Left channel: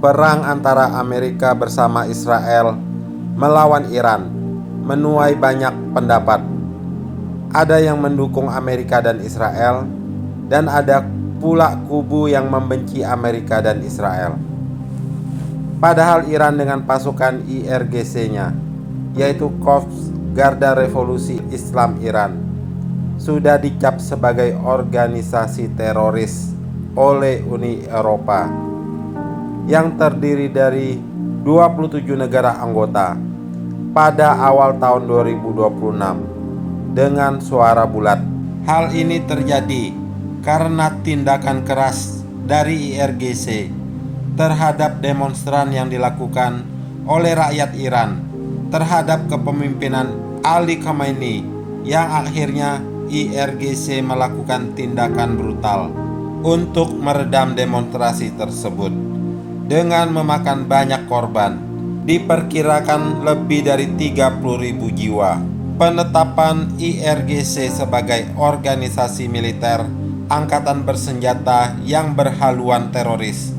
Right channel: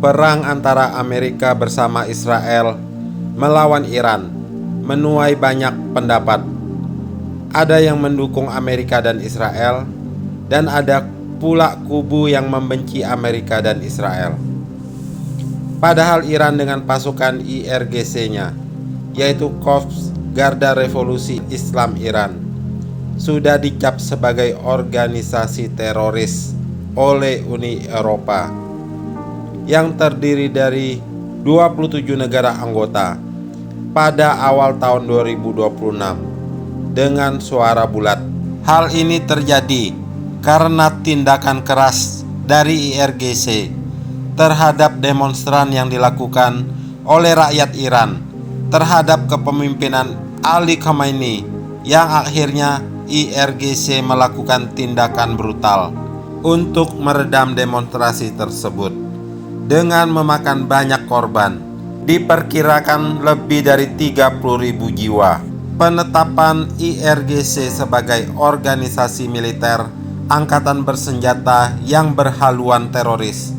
Perang antara Amerika bersama Israel melawan Iran menuai banyak pendapat. Ada yang mendukung Amerika dan Israel, dan ada pula kubu yang membenci Amerika dan Israel. Padahal Iran dengan pasukan IRGC-nya, yaitu Korps Garda Revolusi Islam Iran, sudah dicap sebagai organisasi teroris oleh Uni Eropa yang terdiri dari 27 negara anggota pada awal tahun 2026 dengan suara bulat. Hal ini terjadi karena tindakan keras dari IRGC terhadap demonstran yang dilakukan oleh rakyat Iran terhadap kepemimpinan Ali Khamenei, yang akhirnya IRGC melakukan tindakan brutal untuk meredam demonstrasi tersebut dengan memakan banyak korban, diperkirakan lebih dari 30.000 jiwa. Penetapan IRGC sebagai organisasi militer angkatan bersenjata yang berhaluan teroris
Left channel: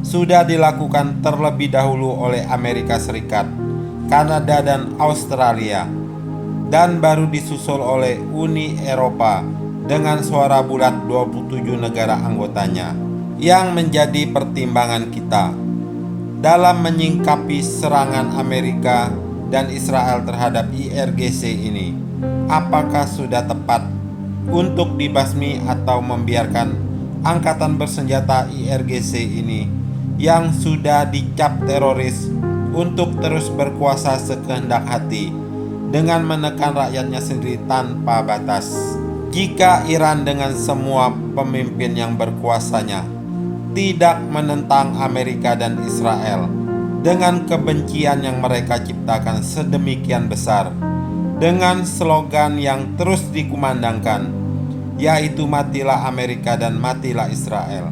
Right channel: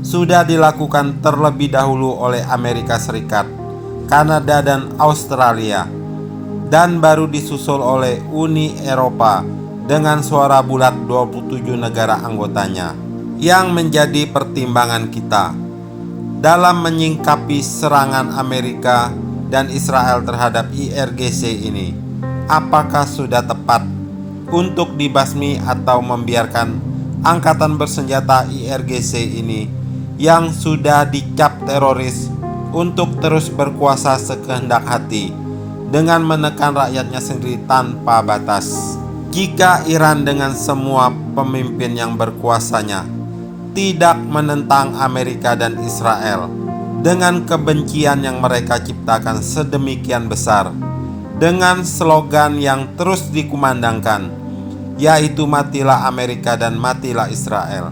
sudah dilakukan terlebih dahulu oleh Amerika Serikat, Kanada, dan Australia, dan baru disusul oleh Uni Eropa dengan suara bulat 27 negara anggotanya. Yang menjadi pertimbangan kita dalam menyingkapi serangan Amerika dan Israel terhadap IRGC ini, apakah sudah tepat untuk dibasmi atau membiarkan angkatan bersenjata IRGC ini yang sudah dicap teroris untuk terus berkuasa sekehendak hati dengan menekan rakyatnya sendiri tanpa batas? Jika Iran dengan semua pemimpin yang berkuasanya tidak menentang Amerika dan Israel dengan kebencian yang mereka ciptakan sedemikian besar, dengan slogan yang terus dikumandangkan, yaitu matilah Amerika dan matilah Israel,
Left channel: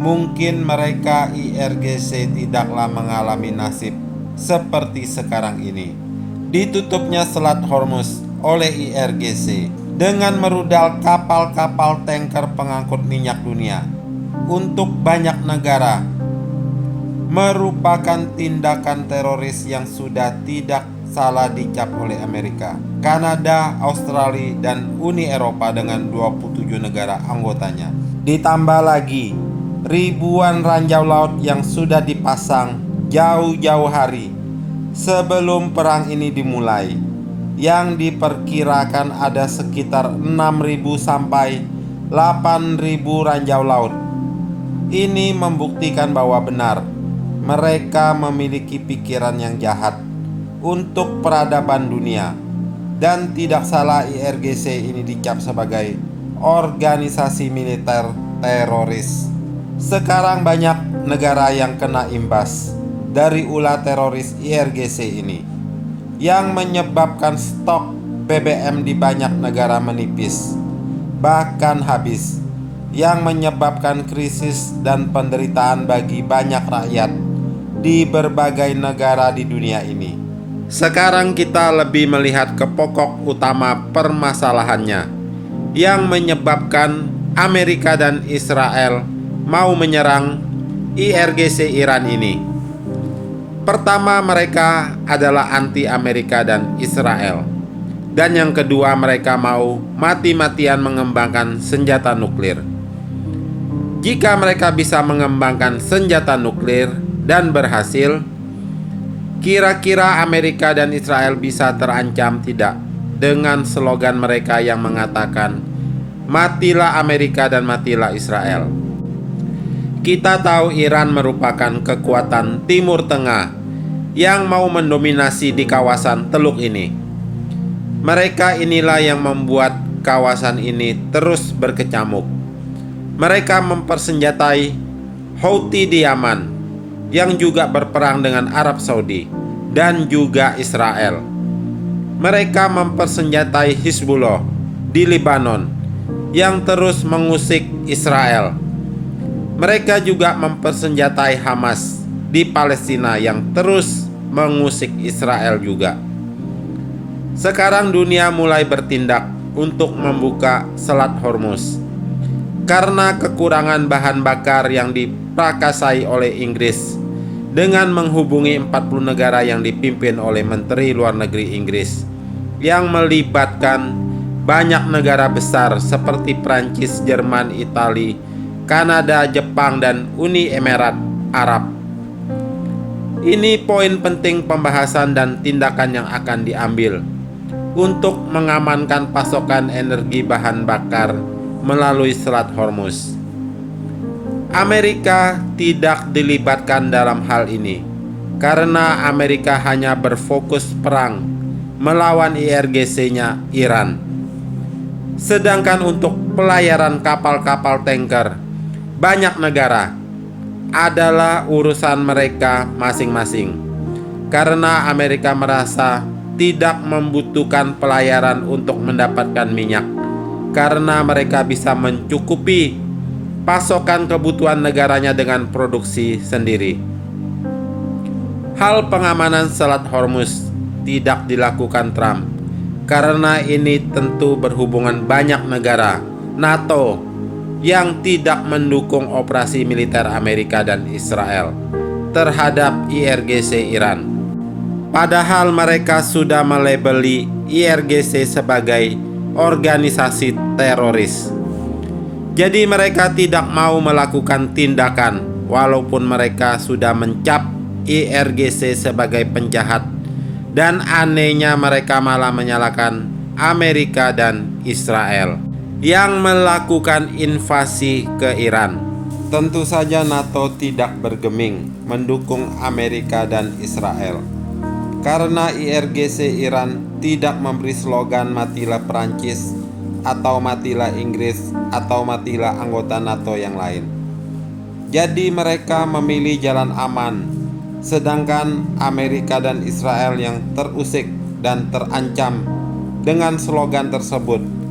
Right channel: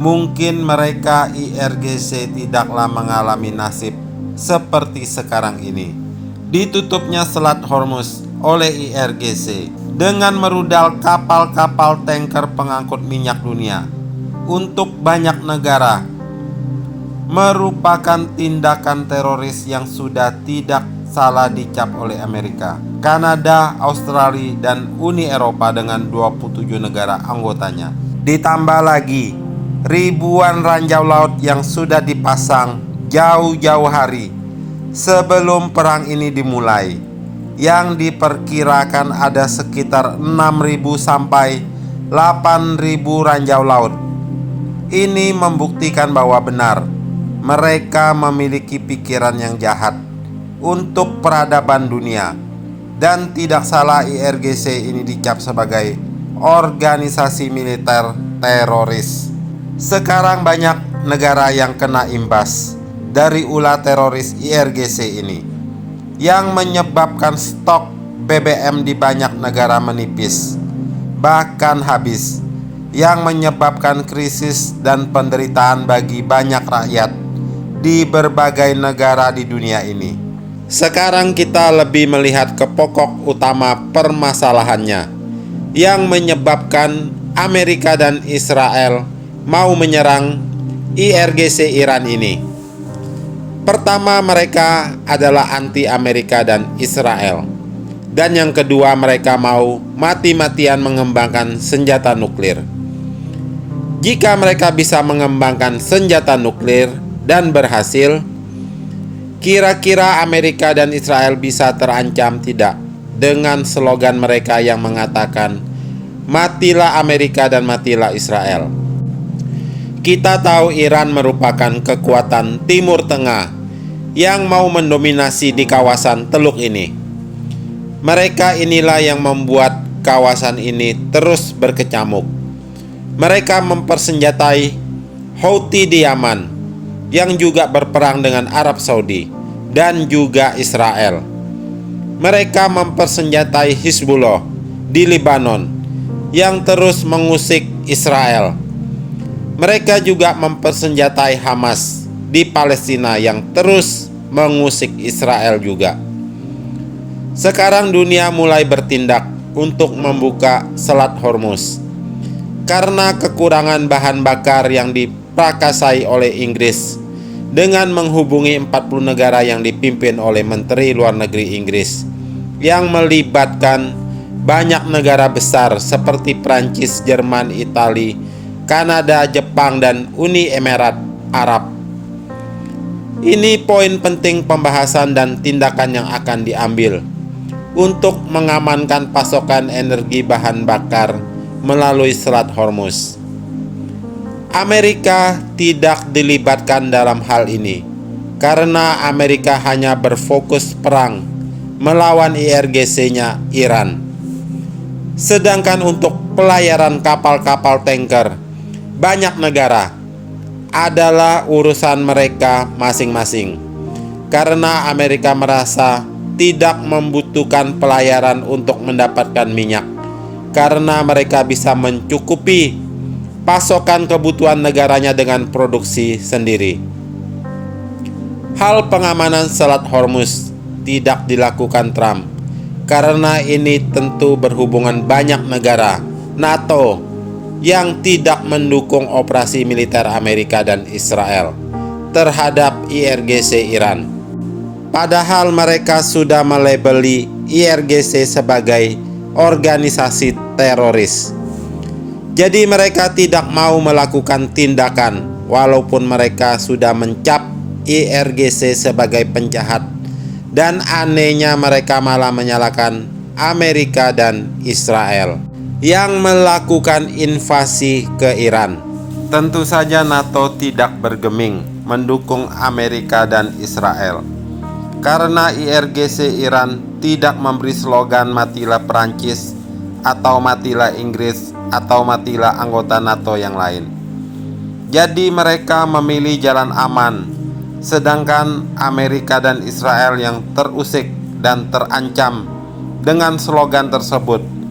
mungkin mereka IRGC tidaklah mengalami nasib seperti sekarang ini. Ditutupnya Selat Hormuz oleh IRGC dengan merudal kapal-kapal tanker pengangkut minyak dunia untuk banyak negara merupakan tindakan teroris yang sudah tidak salah dicap oleh Amerika, Kanada, Australia, dan Uni Eropa dengan 27 negara anggotanya. Ditambah lagi ribuan ranjau laut yang sudah dipasang jauh-jauh hari sebelum perang ini dimulai, yang diperkirakan ada sekitar 6.000 sampai 8.000 ranjau laut. Ini membuktikan bahwa benar mereka memiliki pikiran yang jahat untuk peradaban dunia, dan tidak salah IRGC ini dicap sebagai organisasi militer teroris. Sekarang banyak negara yang kena imbas dari ulah teroris IRGC ini, yang menyebabkan stok BBM di banyak negara menipis, bahkan habis, yang menyebabkan krisis dan penderitaan bagi banyak rakyat di berbagai negara di dunia ini. Sekarang kita lebih melihat ke pokok utama permasalahannya yang menyebabkan Amerika dan Israel mau menyerang IRGC Iran ini. Pertama, mereka adalah anti Amerika dan Israel. Dan yang kedua, mereka mau mati-matian mengembangkan senjata nuklir. Jika mereka bisa mengembangkan senjata nuklir dan berhasil, kira-kira Amerika dan Israel bisa terancam tidak dengan slogan mereka yang mengatakan matilah Amerika dan matilah Israel. Kita tahu Iran merupakan kekuatan Timur Tengah yang mau mendominasi di kawasan Teluk ini. Mereka inilah yang membuat kawasan ini terus berkecamuk. Mereka mempersenjatai Houthi di Yaman, yang juga berperang dengan Arab Saudi dan juga Israel. Mereka mempersenjatai Hizbullah di Lebanon, yang terus mengusik Israel. Mereka juga mempersenjatai Hamas di Palestina, yang terus mengusik Israel juga. Sekarang dunia mulai bertindak untuk membuka Selat Hormuz karena kekurangan bahan bakar yang diprakasai oleh Inggris dengan menghubungi 40 negara yang dipimpin oleh Menteri Luar Negeri Inggris, yang melibatkan banyak negara besar seperti Prancis, Jerman, Italia, Kanada, Jepang, dan Uni Emirat Arab. Ini poin penting pembahasan dan tindakan yang akan diambil untuk mengamankan pasokan energi bahan bakar melalui Selat Hormuz. Amerika tidak dilibatkan dalam hal ini karena Amerika hanya berfokus perang melawan IRGC-nya Iran. Sedangkan untuk pelayaran kapal-kapal tanker, banyak negara adalah urusan mereka masing-masing, karena Amerika merasa tidak membutuhkan pelayaran untuk mendapatkan minyak, karena mereka bisa mencukupi pasokan kebutuhan negaranya dengan produksi sendiri. Hal pengamanan Selat Hormuz tidak dilakukan Trump karena ini tentu berhubungan banyak negara NATO yang tidak mendukung operasi militer Amerika dan Israel terhadap IRGC Iran. Padahal mereka sudah melabeli IRGC sebagai organisasi teroris. Jadi mereka tidak mau melakukan tindakan walaupun mereka sudah mencap IRGC sebagai penjahat, dan anehnya mereka malah menyalahkan Amerika dan Israel yang melakukan invasi ke Iran. Tentu saja NATO tidak bergeming mendukung Amerika dan Israel, karena IRGC Iran tidak memberi slogan matilah Perancis atau matilah Inggris atau matilah anggota NATO yang lain. Jadi mereka memilih jalan aman, sedangkan Amerika dan Israel yang terusik dan terancam dengan slogan tersebut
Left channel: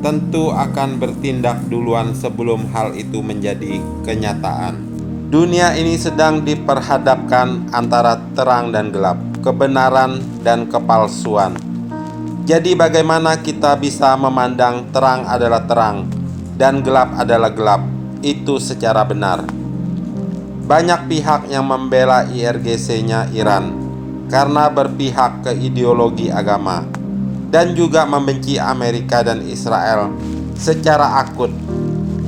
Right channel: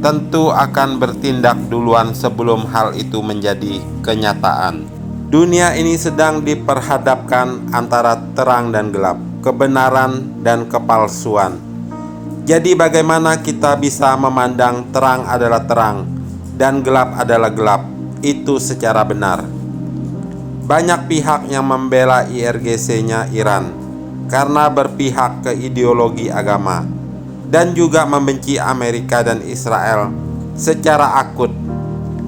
tentu akan bertindak duluan sebelum hal itu menjadi kenyataan. Dunia ini sedang diperhadapkan antara terang dan gelap, kebenaran dan kepalsuan. Jadi bagaimana kita bisa memandang terang adalah terang dan gelap adalah gelap itu secara benar? Banyak pihak yang membela IRGC-nya Iran karena berpihak ke ideologi agama, dan juga membenci Amerika dan Israel secara akut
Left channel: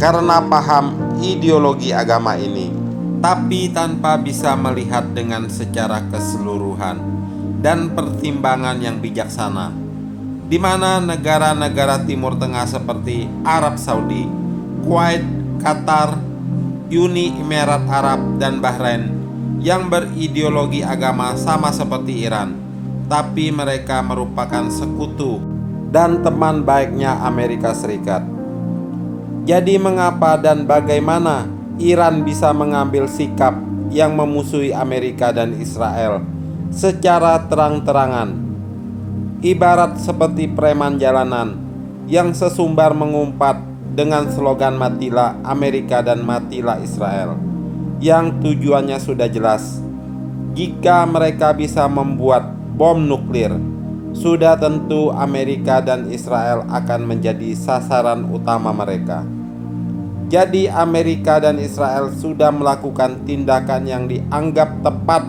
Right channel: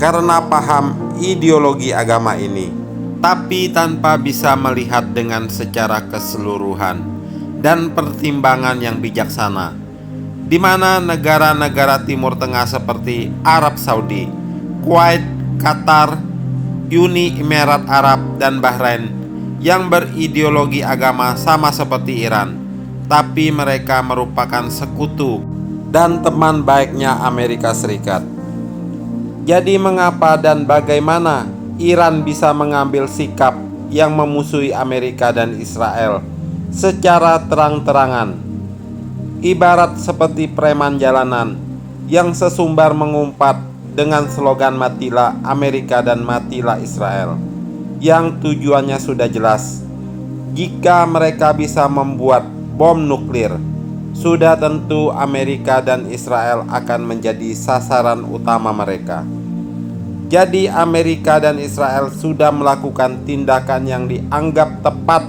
karena paham ideologi agama ini, tapi tanpa bisa melihat dengan secara keseluruhan dan pertimbangan yang bijaksana, di mana negara-negara Timur Tengah seperti Arab Saudi, Kuwait, Qatar, Uni Emirat Arab, dan Bahrain yang berideologi agama sama seperti Iran, tapi mereka merupakan sekutu dan teman baiknya Amerika Serikat. Jadi mengapa dan bagaimana Iran bisa mengambil sikap yang memusuhi Amerika dan Israel secara terang-terangan, ibarat seperti preman jalanan yang sesumbar mengumpat dengan slogan matilah Amerika dan matilah Israel, yang tujuannya sudah jelas. Jika mereka bisa membuat bom nuklir, sudah tentu Amerika dan Israel akan menjadi sasaran utama mereka. Jadi Amerika dan Israel sudah melakukan tindakan yang dianggap tepat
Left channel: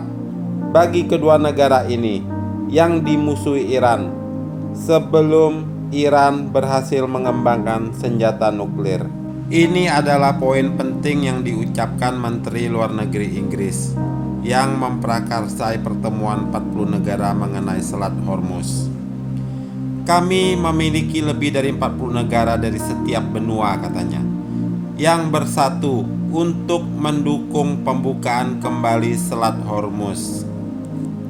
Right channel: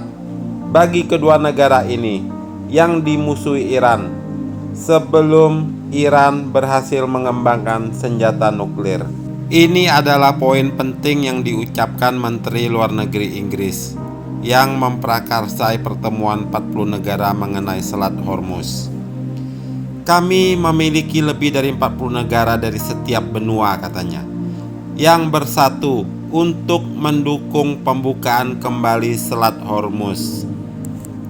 bagi kedua negara ini yang dimusuhi Iran sebelum Iran berhasil mengembangkan senjata nuklir. Ini adalah poin penting yang diucapkan Menteri Luar Negeri Inggris yang memprakarsai pertemuan 40 negara mengenai Selat Hormuz. Kami memiliki lebih dari 40 negara dari setiap benua, katanya, yang bersatu untuk mendukung pembukaan kembali Selat Hormuz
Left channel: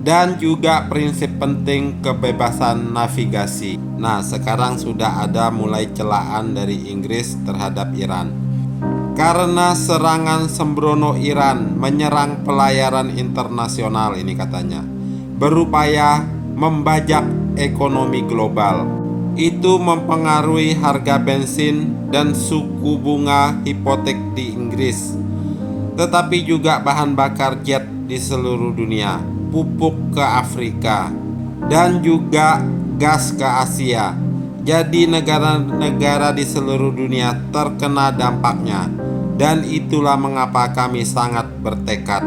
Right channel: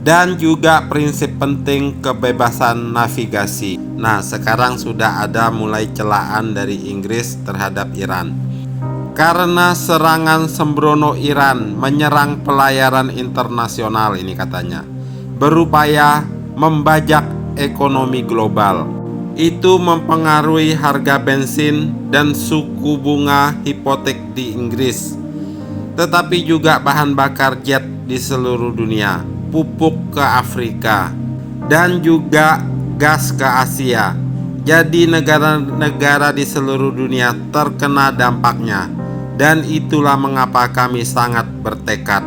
dan juga prinsip penting kebebasan navigasi. Nah, sekarang sudah ada mulai celaan dari Inggris terhadap Iran karena serangan sembrono Iran menyerang pelayaran internasional ini, katanya, berupaya membajak ekonomi global. Itu mempengaruhi harga bensin dan suku bunga hipotek di Inggris, tetapi juga bahan bakar jet di seluruh dunia, pupuk ke Afrika, dan juga gas ke Asia. Jadi negara-negara di seluruh dunia terkena dampaknya, dan itulah mengapa kami sangat bertekad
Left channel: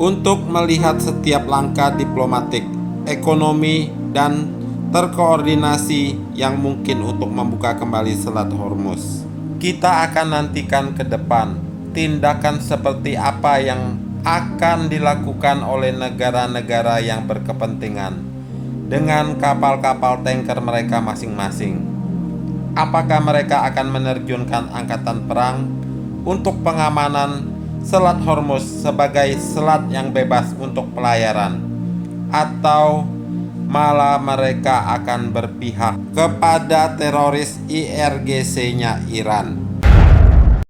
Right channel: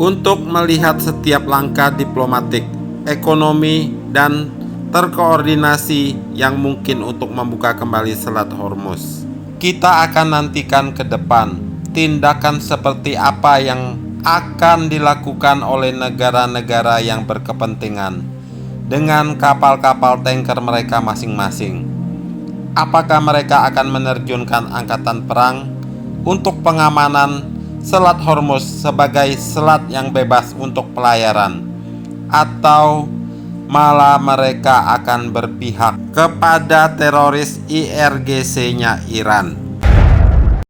untuk melihat setiap langkah diplomatik, ekonomi, dan terkoordinasi yang mungkin untuk membuka kembali Selat Hormuz. Kita akan nantikan ke depan tindakan seperti apa yang akan dilakukan oleh negara-negara yang berkepentingan dengan kapal-kapal tanker mereka masing-masing. Apakah mereka akan menerjunkan angkatan perang untuk pengamanan Selat Hormuz sebagai selat yang bebas untuk pelayaran, atau malah mereka akan berpihak kepada teroris IRGC-nya Iran?